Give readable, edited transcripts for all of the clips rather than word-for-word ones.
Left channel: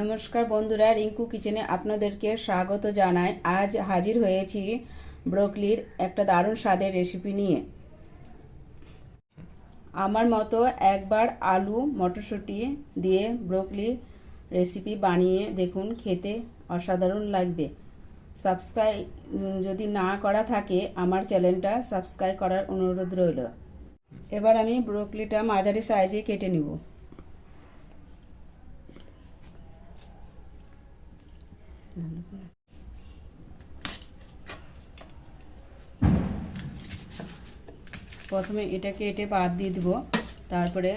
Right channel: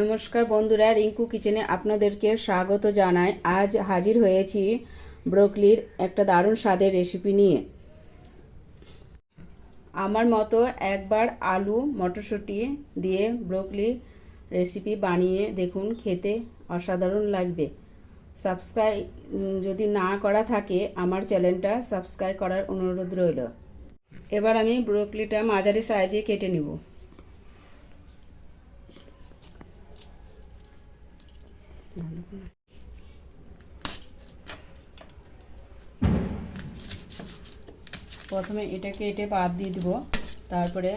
নমস্কার বন্ধুরা, রিঙ্কু কিচেনে আপনাদেরকে স্বাগত জানাই। আজ হাজির হয়েছি ব্রোকলির একটা দারুণ স্বাদের রেসিপি নিয়ে। আমার মতো একবার আলু মটরশুঁটি দিয়ে ব্রোকলি রেসিপি বানিয়ে দেখুন, খেতে অসাধারণ লাগবে। সাবস্ক্রাইব যদি না করা থাকে আমার চ্যানেলটা সাবস্ক্রাইব করার অনুরোধ রইল। এবার আমি ব্রোকলিটা মাঝারি সাইজে কেটে নেব। প্রথমে এটা কেটে বাদ দিয়ে দিব, তারপরে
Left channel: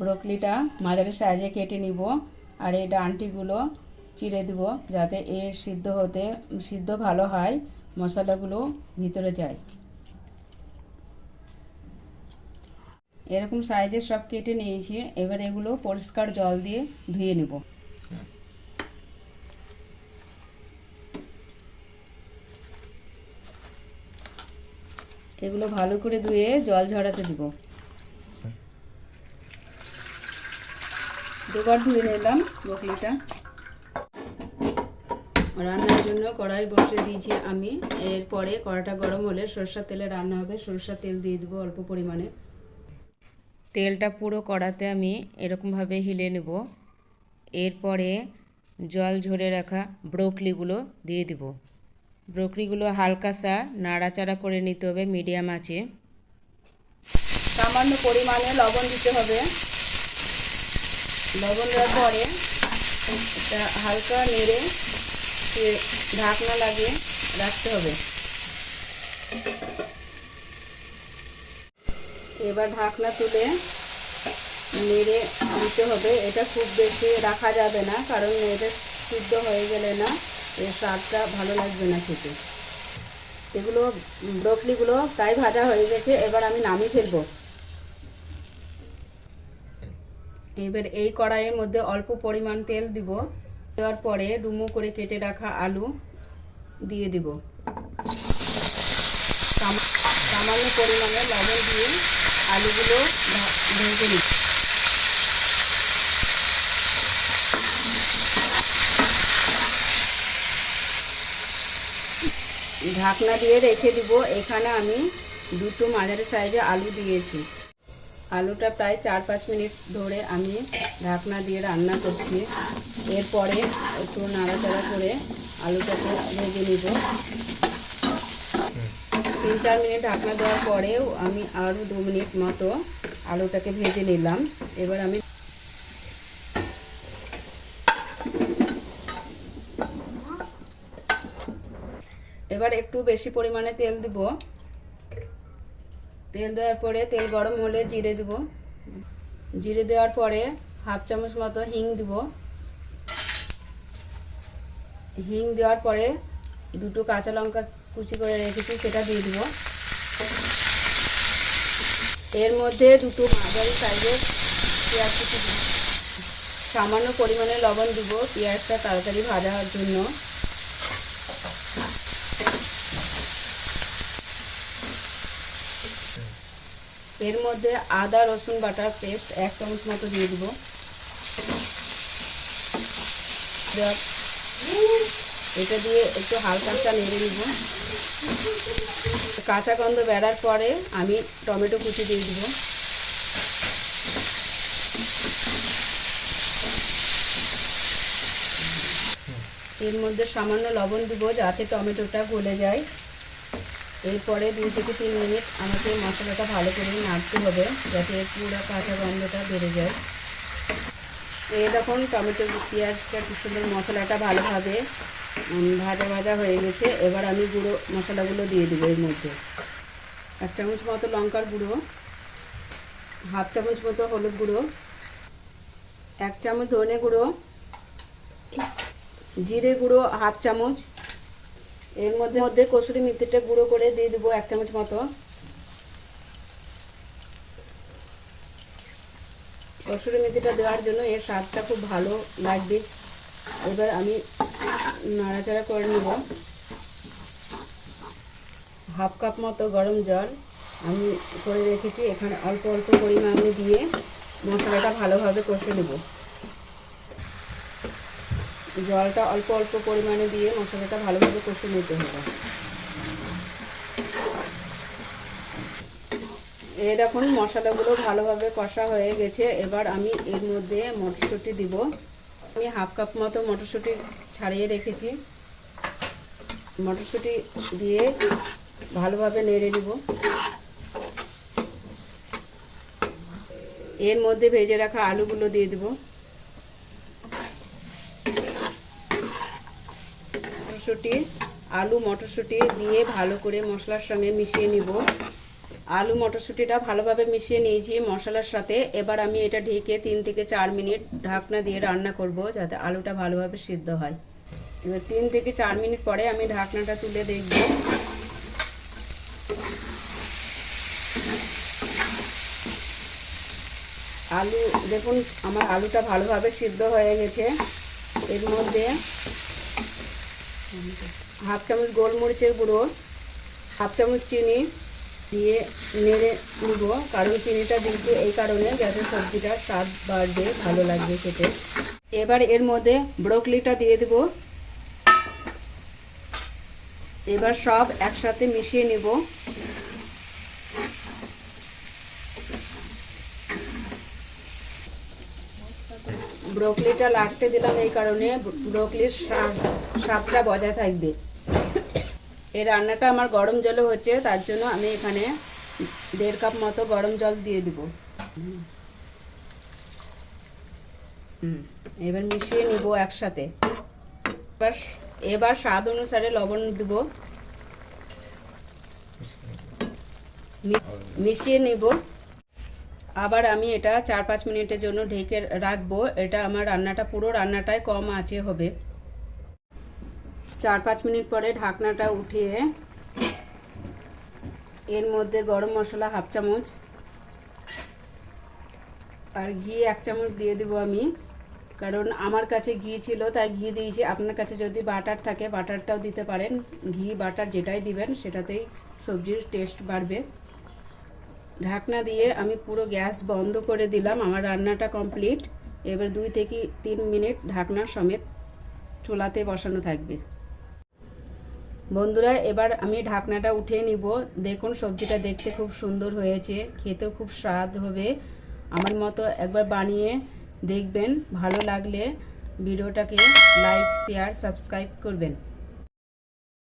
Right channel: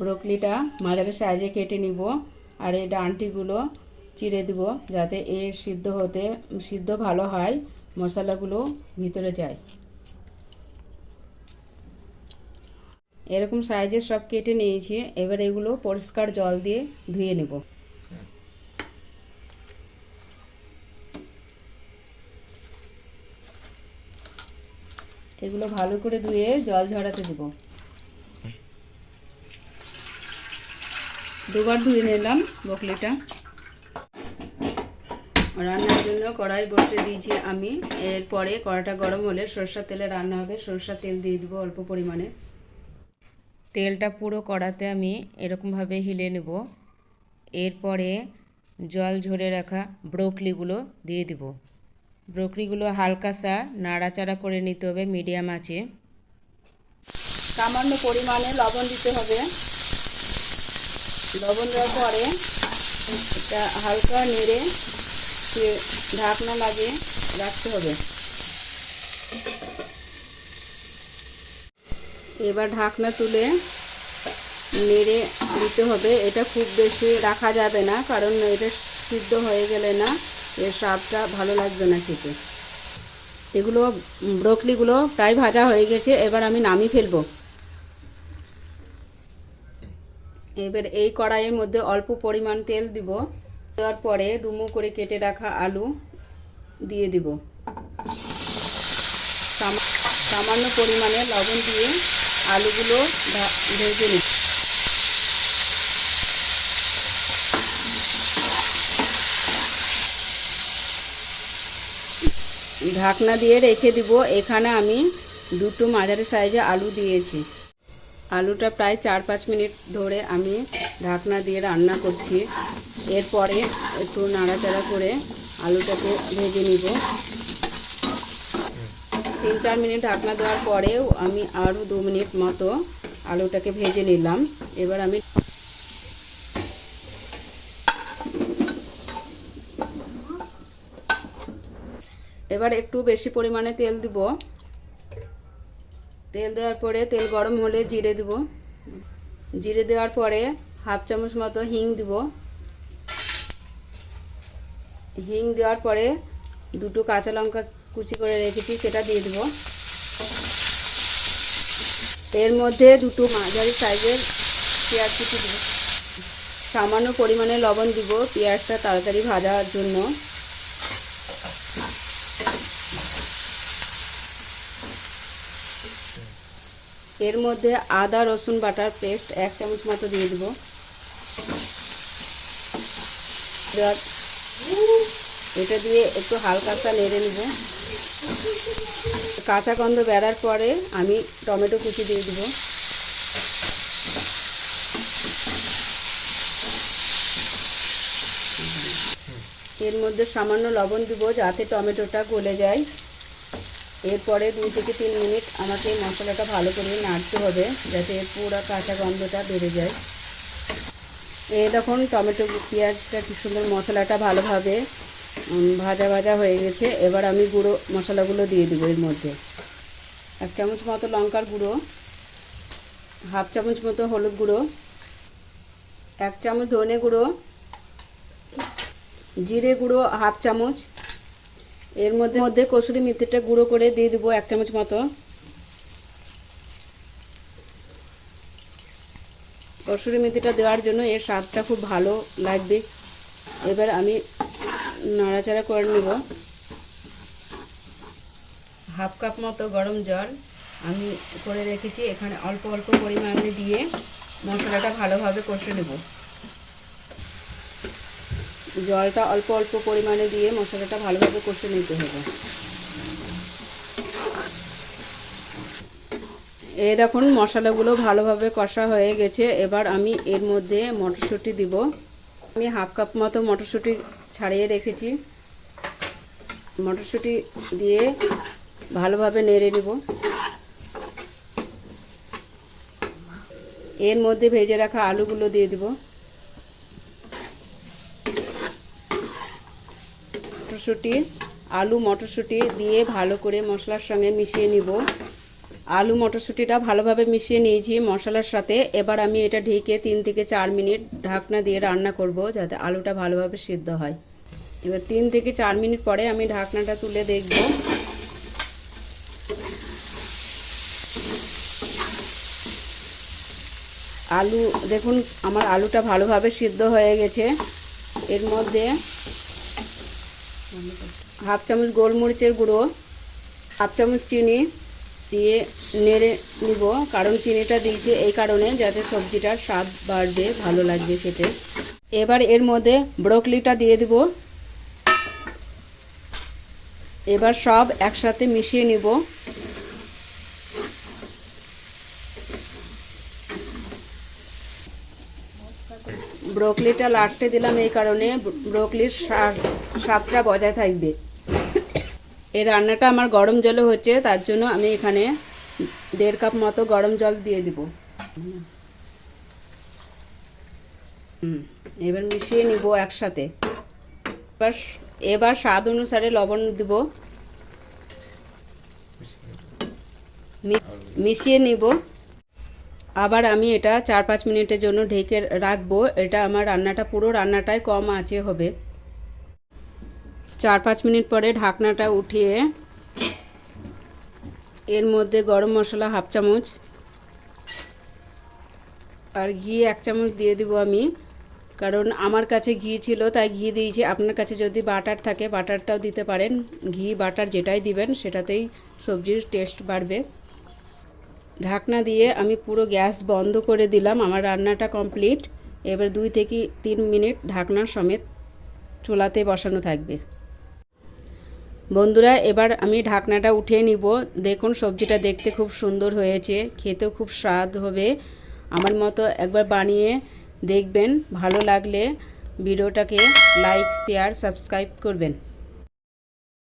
ব্রোকলিটা মাঝারি সাইজে কেটে নিব আর এই ডাঁটিগুলো চিড়ে দিব যাতে সিদ্ধ ভালো হয়, মশলাগুলো ভিতরে যায়। এরকম সাইজে সব কেটে নিয়েছি। এবার এগুলো পরিষ্কার জল দিয়ে ধুয়ে নেব। এগুলো ভালো করে ধুয়ে জল ঝরাতে দেব। দুবার ধুয়ে নিলাম ব্রোকলিটা। রান্নার জন্য কড়াই বসিয়ে দিয়েছি আমি। এরপরে কড়াইটা গরম হলে সরষের তেলে রান্না হবে। সরষের তেল দিয়ে দিব অল্প পরিমাণে। তেলটা পুরো কড়াতে আমি এরকমভাবে হিলে নেব। এরপরে জল ঝরে রাখা ব্রোকলিগুলো দিয়ে দিব। ব্রোকলিগুলো হালকা সা নাড়াচাড়া করে নিতে হবে মিডিয়াম আঁচে। সামান্য পরিমাণে লবণ দিতে হবে। লবণ দেওয়ার পরে এটা হালকা নেড়ে ঢাকনা লাগিয়ে রাখতে হবে। এবার ঢাকনা তুলে নেড়ে দিতে হবে। এটা খুব বেশি রাখা যাবে না, কারণ এটা সিদ্ধ হয়ে গেলে না এর স্বাদটা ভালো লাগবে না খেতে। এগুলো ব্রোকলিগুলো প্রায় ভাজা হয়ে গেছে। এবার আমি নামিয়ে ফেলবো। এবার এই কড়াইয়ের মধ্যে অল্প পরিমাণ তেল দিব। দেওয়ার পরে ডুমো করে কেটে রাখা আলু দিয়ে দিব। সামান্য পরিমাণে লবণ দিয়ে আলুগুলো ভেজে নিব। ঢাকনা দিয়ে রেখে দিব। এখানে আমি দুটো মাঝারি সাইজে আলু দিয়েছি। আলুটা প্রায় 4-5 মিনিট ধরে আমি ঢাকনা দিয়ে রান্না করছি। এরপরে একটু নাড়াচাড়া করে আলুটাকে ভেজে নিব। 3-4 মিনিট ঢাকনা দেওয়ার পরেও আমি আরও 2 মিনিট মতো আলুটাকে ভেজে নিলাম। এবার একটু বেশি পরিমাণে তেল দিব। তেল দেওয়ার পরে তেল গরম হলে জিরে দিব। জিরে দেওয়ার পরে হাফ চামচ মতো হিং দিব। হিং দেওয়ার পরে দুটো কাঁচা লঙ্কা কুচি করে রেখেছি সেটা দিয়ে দিব। এর মধ্যে দুটো মাঝারি সাইজের পেঁয়াজ কুচি দিব। সামান্য পরিমাণে লবণ দিব পেঁয়াজটা তাড়াতাড়ি ভাজার জন্য। এর মধ্যে আদা রসুন বাটার পেস্ট 1 চামচ মতো দিয়ে দিব। এটা দিয়ে একটু হালকা নেড়ে নিব। কাঁচা গন্ধ বেরার পরে আমি টমেটো কুচি দিয়ে দিব। এর মধ্যে সামান্য লবণ দিব যাতে টমেটোটা গলে যায়। এরপরে 2-3 মিনিট আমাকে মশলাটা ভালো করে নাড়তে হবে যাতে পুরো কাঁচা গন্ধটা বেড়ে যায়। এই দেখুন টমেটো পেঁয়াজটা কি সুন্দর মশলাটা ভালোভাবে ভাজা হয়ে গেছে। এবার আমি গুঁড়ো মশলাগুলো দিয়ে দেবো। এর মধ্যে 1 চামচ মতো লঙ্কার গুঁড়ো, হাফ চামচ মতো হলুদ গুঁড়ো, 1 চামচ ধনে গুঁড়ো, জিরে গুঁড়ো হাফ চামচ। এর মধ্যে কসুরি মেথিটা গুঁড়ো করে দিয়ে দেবো 1 চামচ মতো। কসুরি মেথিটা দেওয়ার জন্য এর স্বাদটা খুব ভালো লাগবে। এবার আমি নাড়াচাড়া করে নেব। হাফ কাপ মতো গরম জল আমি করে রেখেছি, এখানে অল্প অল্প পরিমাণে দিয়ে মশলাটা ভালোভাবে কষে নেব। জলটা অল্প অল্প পরিমাণে দিয়ে মশলাটা ভালোভাবে কষে নিতে হবে। এই দেখুন মশলাগুলো ভালোভাবে কষা হয়ে গেছে। এবার আমি এর মধ্যে মটরশুঁটি দিব। আমি হাফ কাপ মতো মটরশুঁটি ছাড়িয়ে রেখেছি। মটরশুঁটি দিয়ে ভালোভাবে নেড়ে নিব। এর মধ্যে ভেজে রাখা আলুগুলো দিয়ে দিব। মটরশুঁটি দিয়ে ভালো করে মশলার সঙ্গে মিশিয়ে নিব। আলু মটরশুঁটিটা ভালোভাবে মিশিয়ে নিয়েছি মশলার সাথে। এবার আমি এটা ঢেকে 3 থেকে 4 মিনিট ঢাকনা দিয়ে রান্না করব, যাতে আলুটা ভালোভাবে সিদ্ধ হয়। এবার 3 থেকে 4 মিনিট পরে আমি ঢাকনাটা তুলে দেখব। আলু দেখুন আমার আলুটা ভালোভাবে সিদ্ধ হয়ে গেছে। এর মধ্যে হাফ চামচ গোলমরিচের গুঁড়ো, হাফ চামচ চিনি দিয়ে নেড়ে নিব। কারণ চিনিটা দিয়েছি এই কারণে যাতে সবজিটার স্বাদ বাড়বে, ভালো লাগবে খেতে। এবার এর মধ্যে ব্রোকলিটা দিয়ে দিব। এবার সব একসাথে মিশিয়ে নিব। ব্রোকলিটা লাটতে দিলাম এই কারণে ব্রোকলির স্বাদটা বজায় থাকবে। এই রান্নাটা আমার গরম জলে হচ্ছে, তার জন্য আমি এখানে 1.5 কাপ মতো গরম জল দিয়ে দিব। এবার মিশিয়ে নিব একসাথে। এবার স্বাদ অনুসারে লবণ দিব। মিশিয়ে নিব। আবার আমি এটা 4-5 মিনিটের জন্য ঢেকে রাখবো। এটা আমার পুরো রান্নাটাই কম আঁচে হবে। 4-5 মিনিট পরে ঢাকনাটা উঠিয়ে এর মধ্যে গরম মশলা হাফ চামচ আর ঘি 1 চামচ দিয়ে দিব আমি। কারণ আমার কাছে ঘি ছিল তাই ঘি দিয়েছি। আপনার কাছে যদি বাটার থাকে বাটারটাও দিতে পারেন। ঘি বাটার যেটাই দিবেন সেটাতেই সবজির টেস্ট বাড়বে। ঢাকনা দিয়ে আমি পুরো গ্যাস বন্ধ করে দিলাম। আমার রান্নাটা কমপ্লিট। এবার 2 থেকে 3 মিনিট ঢাকনা সমেত চুলাতে বসানো থাকবে। বন্ধুরা এবার আমি ঢাকনাটা উঠিয়ে নিব। দেখুন সবজিটা দেখতে খুব সুন্দর হয়েছে, খেতেও খুব স্বাদ হবে। আমার মতো একবার বানিয়ে দেখবেন। ভালো লাগলে ভিডিওটাকে লাইক, শেয়ার, সাবস্ক্রাইব করবেন।